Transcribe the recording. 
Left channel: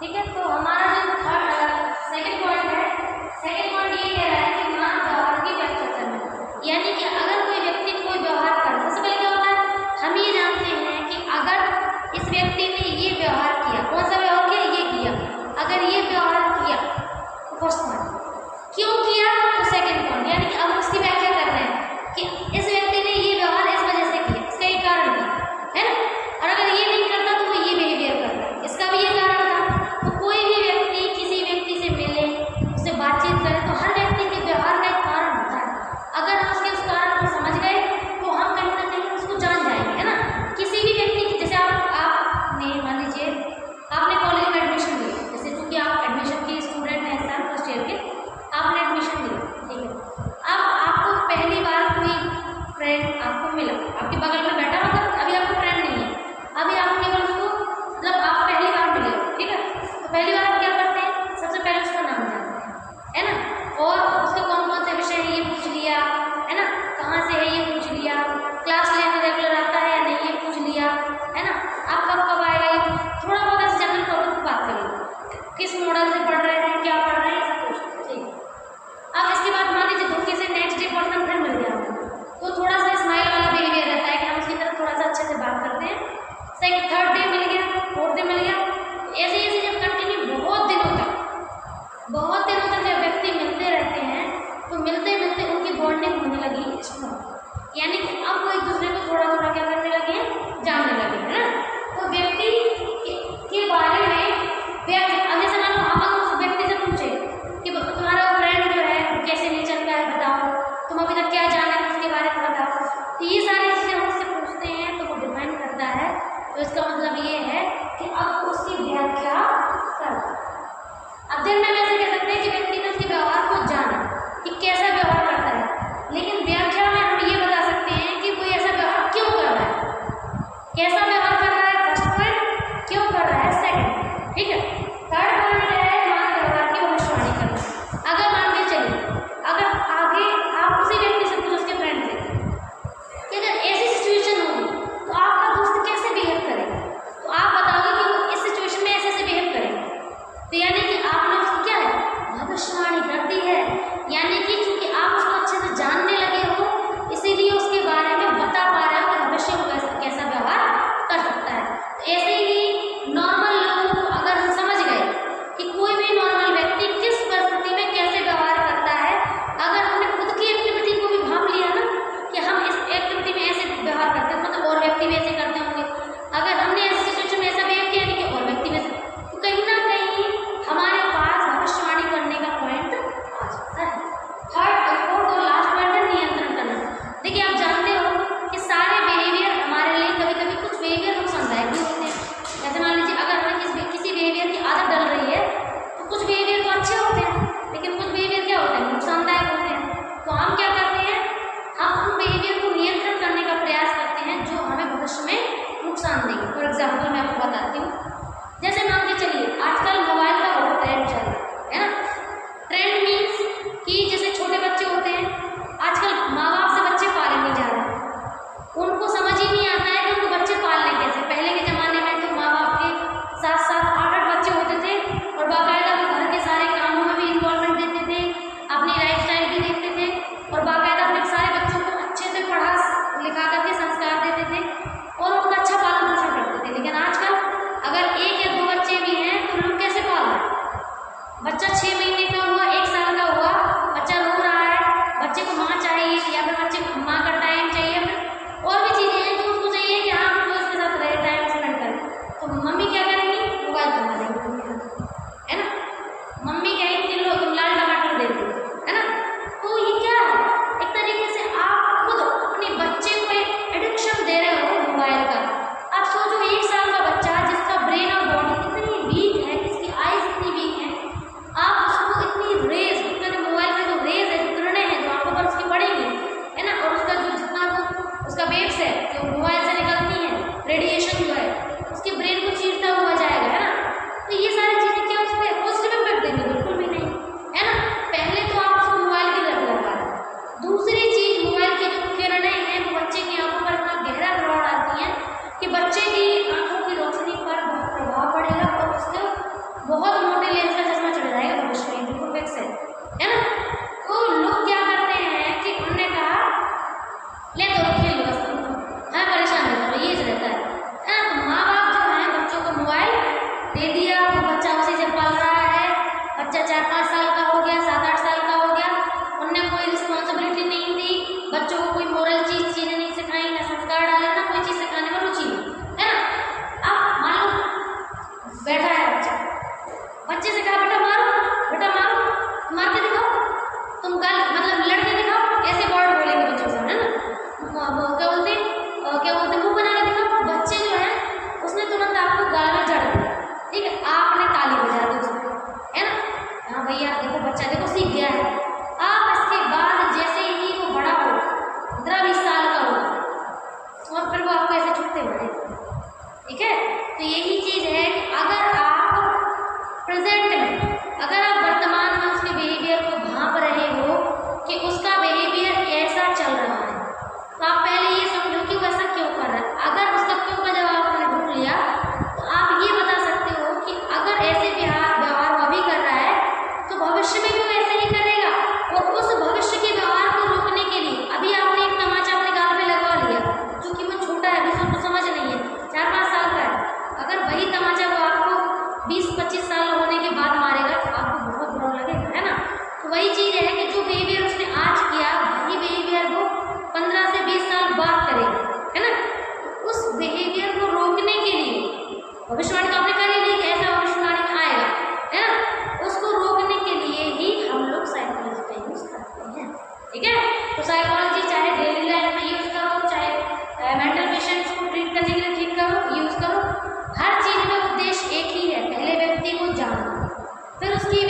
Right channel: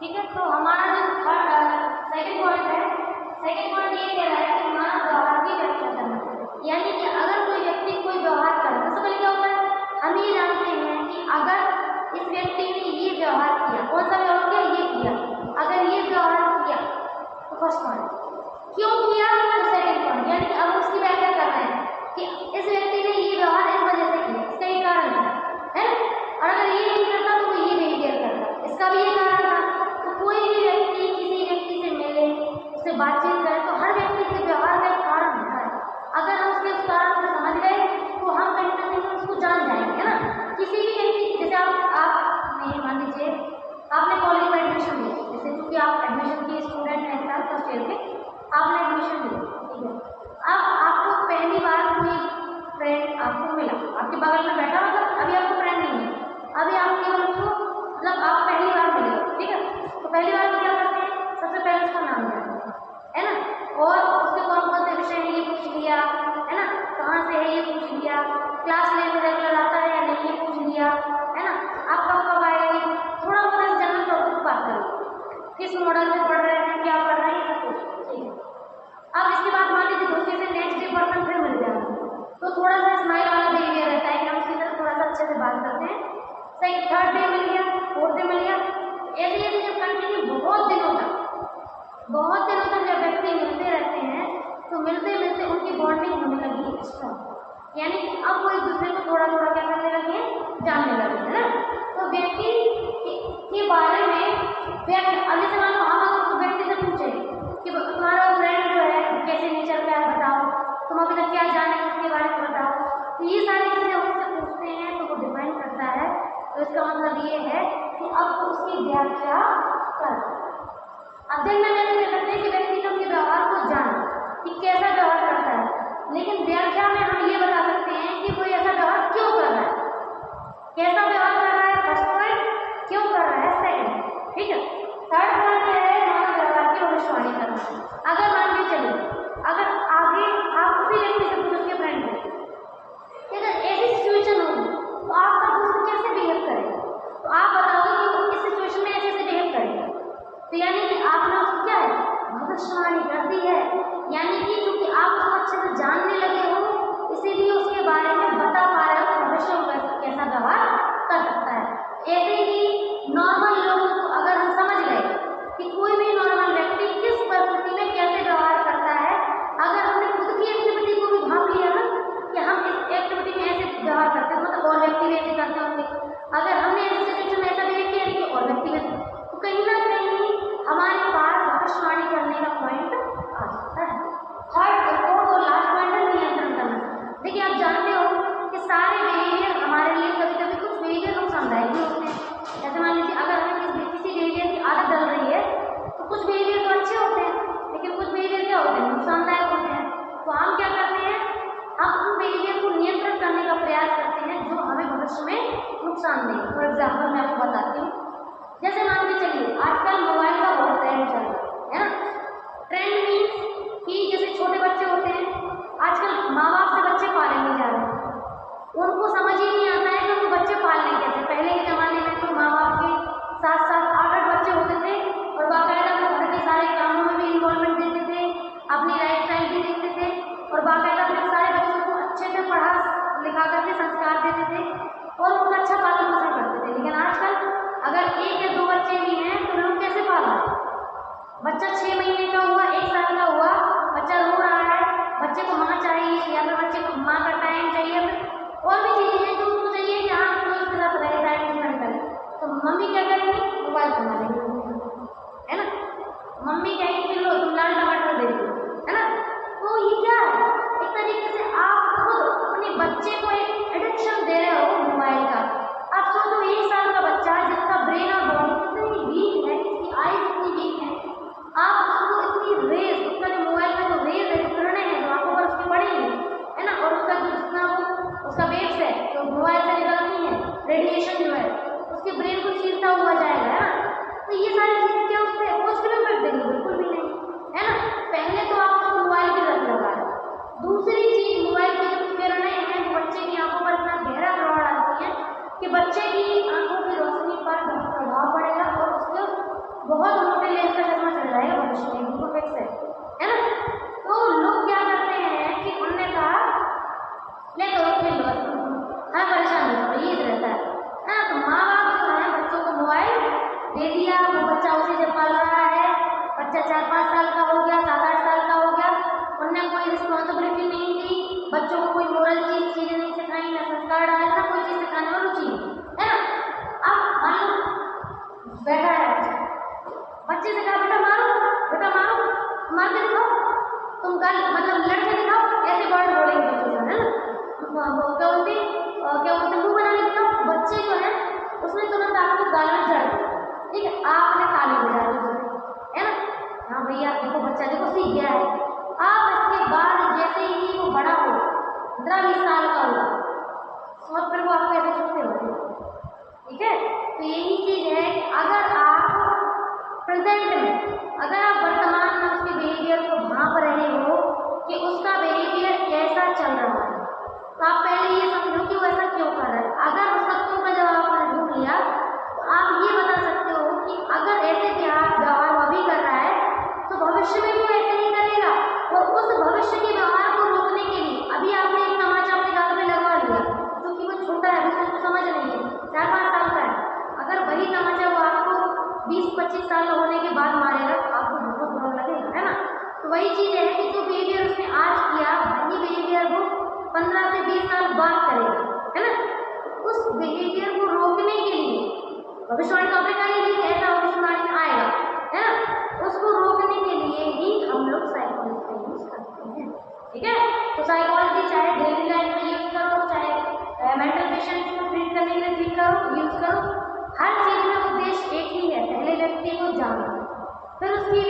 ठीक है, तो हमारा जो सेकंड पॉइंट है, सेकंड पॉइंट ये कह रहा है कि मानव व्यवहार की व्याख्या करना, यानी कि अगर कोई व्यक्ति कोई व्यवहार करे, सबसे पहले क्या होता है, हम ये जानते हैं कि अगर इस व्यक्ति ने ये व्यवहार किया, कौन सा व्यवहार किया, ये किया, अगर ये व्यवहार किया तो फर्स्ट पॉइंट, क्यों किया तो सेकंड पॉइंट, यानी कि अब उसकी व्याख्या कर रहे हैं कि इस व्यक्ति ने ये व्यवहार इस वजह से किया, इसका एक कारण है ना, और अगर ये नहीं करता तो वो ये बिहेवियर करता, इसका भी ये कारण था। तो कोई भी व्यक्ति किसी व्यक्ति से मिले, उससे बातचीत करे, तो हर व्यक्ति के व्यवहार का एक कारण होता है, अगर हम उसके उस कारण को समझ गए तो हम कहीं ना कहीं उसको जान जाएंगे, है ना। किसी भी व्यक्ति की, जैसे आपने मान लीजिए आपने कॉलेज में एडमिशन लिया, जैसे क्योंकि आप एडमिशन के स्टूडेंट हैं, इस साल फर्स्ट ईयर के, आपने एडमिशन लिया, ठीक है, अब आपको पहली बार कोई फ्रेंड आपको मिला, आपके बगल में बैठा, मतलब अभी आपको फ्रेंड नहीं है, अभी आप केवल उसको, मतलब आप पहली बार मिले हो, ठीक है, तो पहली बार आप क्या करते हैं, सबसे पहले उसका नाम जानते हैं, है ना, और उसके कौन कौन से विषय है ये पूछ लिया, है ना, कहाँ से है ये पूछ लिया, क्लास लेने रेगुलर आता है या नहीं ये पूछ लिया, है ना, आप कब कब आए, थोड़ा बहुत ऐसे जनरल टॉपिक पर बात करिए, किस मॉडल से पढ़ रहे हैं, क्या पढ़ रहे हैं, ये सब कुछ, ठीक है। अब इसके बाद मान लीजिए धोखे से नेक्स्ट डे पर्सन फिर मिल गया, तो थोड़ा सा स्माइल वाला बिहेवियर रहता है कि हम उसकी तरफ थोड़ा सा अच्छे से बात करते हैं, सेकंड थर्ड डे मिल गया, फोर्थ डे मिल गया, ऐसे ऐसे जब कंटिन्यू बहुत दिनों तक जब व्यक्ति मिलते रहते हैं, तो मिलते मिलते उनकी बॉन्डिंग होने लगी स्ट्रॉन्ग, यानी कि अब वो एक दूसरे को थोड़ा थोड़ा क्या करने लगे, जानने लगे, है ना। तो व्यक्ति के बारे में अब जैसे मान लो हम अगर उस व्यक्ति से पूछे कि तुम्हारा फ्रेंड जो है कैसे नेचर का है बताओ, तुम अभी तक क्या जाना है उसके बारे में बताओ, तो ये सारी चीज़ें हम उससे पूछते हैं, तो वो डिपेंड करता है, तो इसका मतलब ये है कि अब उसकी व्याख्या कर, अब दिन में वैसे कह सकते हैं कि व्यक्ति ने उसके व्यवहार को जाना कि कैसा व्यवहार करता है, लेकिन व्याख्या में हम ये बता सकते हैं कि कोई ऐसा व्यवहार क्यों कर रहा है, कैसा व्यवहार कर रहा है, फर्स्ट पॉइंट, क्यों कर रहा है सेकंड, ठीक है। थर्ड पॉइंट है मानव व्यवहार की भविष्यवाणी करना। अगर मान के चलिए, अगर आगे आप उसी व्यक्ति से पूछो, उसके फ्रेंड से, कि अगर ऐसी सिचुएशन होगी तो आपका दोस्त कैसे बिहेव करेगा, तो आप बताओगे कि वो इस सिचुएशन में ऐसे बिहेव करेगा, तो यानी कि आपने उसकी क्या है, भविष्यवाणी कर दी है, यानी कि चूंकि आप उसको अच्छे से जानने लगे हो, इसीलिए उसके बारे में बता पा रहे हो कि भविष्य में कैसा व्यवहार कर सकता है। तो ऐसे ही नॉर्मल लोगों को अगर हम समझ गए कि कोई भी नॉर्मल व्यक्ति किस परिस्थिति में कैसे व्यवहार करता है, अगर हमने खुद की एक्टिविटी को भी भाप लिया ना कि हम इस एक्टिविटी में ऐसे व्यवहार करते हैं, मतलब और व्यक्ति भी ऐसे करते होंगे, अगर हमने ऐसी सिचुएशन में ऐसा बिहेव किया कि और व्यक्ति भी, तो कहीं ना कहीं हमारे पास भविष्यवाणी करने का पॉइंट आ जाता है। थर्ड फोर्थ और लास्ट पॉइंट है नियंत्रण करना। देखिए आप जानते हो कि सारे बिहेवियर हमारे लिए कभी कभी कुछ बिहेवियर नुकसानदायक भी होते हैं, जैसे मान लीजिए अगर हमें किसी बिहेवियर की आदत डल रही है, तो कुछ बिहेवियर तो अच्छे होते हैं, लेकिन कुछ बिहेवियर क्या होते हैं, नुकसानदायक होते हैं, तो हम क्या करते हैं, हम उन बिहेवियर को नियंत्रण करने का प्रयास करते हैं जो हमें भविष्य में नुकसान देंगे। फॉर एग्जाम्पल मैं आपको बताती हूँ, जैसे मान के चलिए आजकल मोबाइल का बहुत ट्रेंड चल रहा है ना, ट्रेंड मीन्स कि जैसे छोटे बच्चे होते हैं, आजकल माँ बाप से बच्चे पाले नहीं जा रहे, उनको समझ ही नहीं आता है कि उनको बच्चे पालने कैसे। पहले के ज़माने में तो माँ बाप के 7-7, 8-8 बच्चे होते थे और बाकायदा वो घर के सारे कामों में भी इन्वॉल्वमेंट देते थे, अपनी लाइफ स्टाइल भी देखते थे और बाकायदा अपने सारे बच्चों को अच्छे से पढ़ा लिखा करके संस्कार देते थे और उनका अच्छा पालन पोषण करते थे। लेकिन आजकल अगर 1 या 2 बच्चे भी हैं तो लोग कैसे पाल रहे हैं, बच्चा 6 महीने का हुआ, 1 साल का हुआ, बच्चा रो रहा है, बच्चे को माँ चाहिए या फिर बच्चे को माँ का टाइम चाहिए, और भी चीज़ें हैं जो उसको चाहिए कि हाँ हम उसके साथ रहे, टाइम स्पेंड करें, तो मम्मी क्या करेंगी, मोबाइल बना देंगी, है ना, मम्मी कहेंगी कि लो तुम लाल टमाटर दे दो, है ना। तो ये क्या है, एक तरीके से आप खुद अपने बच्चे को एक एडिक्शन दे रहे हो मोबाइल का। आप सोचो 1 साल का बच्चा जिसका ब्रेन और बॉडी इतनी वीक है, जिसकी आईज इतनी वीक है, आप उसको इतनी रेज, उसका जो मोबाइल की जो रेज है, जो किरणें हैं जो आंखों पर उसकी पड़ेंगी, है ना, और उसका जो जितना वो उसका वेव्स है जो मोबाइल से निकलती है, रेडिएशन जो है उसके ब्रेन को चीरता हुआ बहुत मोटे लेंस का चश्मा चल जाएगा भविष्य में, बिल्कुल फिक्स है ना। तो लोग क्या करते हैं कि उनने कहा ले तो खेल लो बस तुम, हमें परेशान नहीं करो, ये रहता है ना। तो माँ बाप जो है बच्चों को मोबाइल दे दिया, वो बच्चा उसी से पल रहा है, बच्चा 4-5 साल का हो गया, 7-8 साल का हो गया, उनने कोई रिस्पॉन्सिबिलिटी नहीं दी, बच्चों को कोई मोरल चीज़ें नहीं सिखाई, ना संस्कार डाले, ना कोई चीज़ सिखाने में रुचि है ना। अब मान लो बैठा है बच्चा, बच्चे से कहा बेटा मारो, बेटा मारो, मार के दिखाओ, तुम गल मतलब लड़के दिखाओ, ऐसे वर्ड बोलेंगे बच्चों से, है ना। क्या बोलते मुँह बना के दिखाओ, बच्चे जो है उसने तुरंत आपको गाल में जड़ दिया, ठीक है, आपने ताली बजा दी उसको, है ना। हाँ भैया देखो बच्चा देखो सीख गया है। आप इसके बाद जैसे ही वो बड़ा हो 15-20 साल का हो और फिर वो आपको ऐसे छुट्टे हो, ठीक है। तो यही चीज़ है कि अगर आप प्रेजेंट में, अगर आप वर्तमान में उसके बिहेवियर को भांप रहे हो कि उसका बिहेवियर ऐसा चल रहा है, तो आप पहले ये समझो कि वो ऐसा क्यों कर रहा है। अगर उसका क्यों का जवाब आपने ढूंढ लिया तो आप ये बता सकते हो कि अगर ऐसे व्यवहार वो अभी कर रहा है तो भविष्य में भी वो ऐसे ही करेगा। और उस भविष्य के व्यवहार को रोकने के लिए अभी आपने एक तमाचा अपने गाल में लगवा लिया, क्योंकि वो छोटा है, अभी उसको समझ नहीं है, 4-5 साल का है। अगर वही तमाचा वो आपको 20-25 साल होने के बाद मारेगा तो आपको बहुत बुरा लगेगा, है ना। तो वही चीज़ है कि जो बिहेवियर उसने आज किया वही बिहेवियर वो 15 से 20 साल बाद करेगा, है ना। तो उस बिहेवियर को रोकने के लिए भविष्यवाणी तो आपने कर ही ली, ऐसा भविष्यवाणी में आएगा, है ना। उसको रोकने के लिए ही हम लोग साइकोलॉजी का यूज़ करते हैं, ठीक है। तो साइकोलॉजी चाहे डेली लाइफ में यूज़ करो, चाहे मेंटल पेशेंट्स को ट्रीट करने के लिए ठीक करो, यूज़ करो, हर चीज़ में उद्देश्य एक ही है, पहले व्यक्ति को जानो, फिर उसकी